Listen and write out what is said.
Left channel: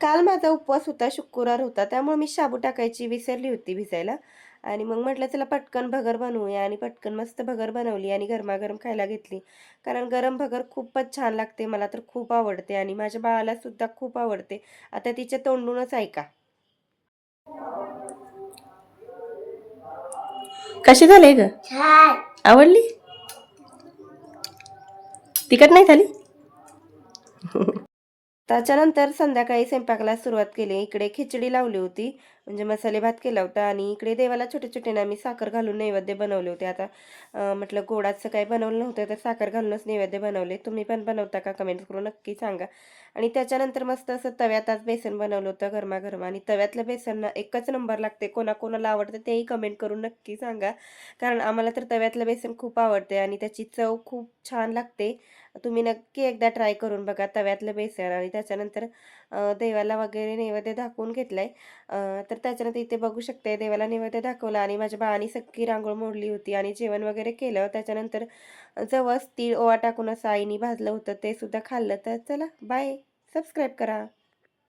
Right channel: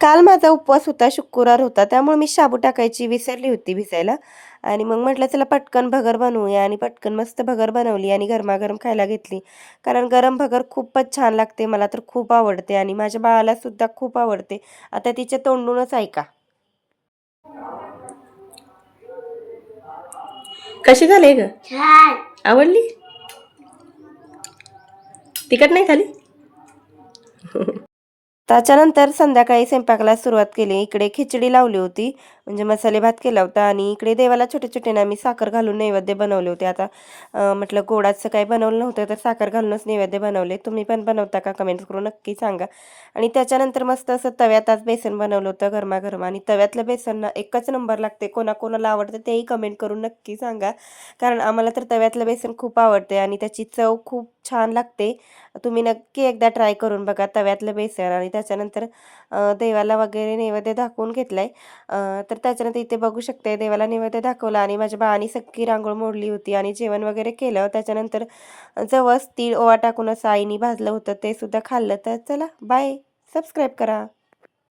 काल माझा उपवास होता, शुक्रवार होता. त्यामुळे मी शाबू टाकायची विसरली होती भिजायला आणि मग म्हटलं चला पटकन भगर बनवूया आणि पटकन मस्त भगर बनवली आणि गरमागरम खायला घेतली. कारण गरम भगर खूपच छान लागते. मला तर खूप आवडते आणि माझ्या बाळाला सुद्धा खूप आवडते. आता तिच्या तोंडूनच ऐका. कशी झाली ग? छान. आवडली? तिखट नाही झाली? त्याच्यानंतर संध्याकाळी स्वयंपाकाला सुरुवात केली. इकडे खिचडी लावली होती, म्हणजे मसाले भात केला होता आणि इकडे देवाला छोटे-छोटे ना मी साखर घालून नैवेद्य बनवले होते. आता म्हटलं गोडाचं काही बनवलं नव्हतं, तर साखर घालूनच नैवेद्य बनवले. तुम्ही पण बनवता का? कमेंट्स करून नक्की सांगा. आणि त्याच्यानंतर मस्त असं तव्यात आज बेसन बनवलं होतं गरमागरम आणि तव्यातलं बेसन ना एकच नंबर लागते. कोणाकोणाला आवडतं तेही कमेंट करून नक्की सांगा. कारण आम्हाला तर तव्यातलं बेसन खूप आवडते आणि त्याची चव खूप छान लागते. तुम्ही नक्की एकदा ट्राय करून बघा तव्यातलं बेसन आणि त्याच्यानंतर देवाला वगैरे नैवेद्य दाखवून घेतलाय. तर त्याच्यानंतर इथे बघू शकते देवाला नैवेद्य दाखवला आणि माझ्या बाळाने सगळी रांगोळ मोडली होती आणि जेवण वगैरे केलं. त्याच्यानंतर जवस तीळ ओवा टाकून असं आईने भाजलं होतं ते सुद्धा खाल्लं. तर चला बाय. सबस्क्राईब करा.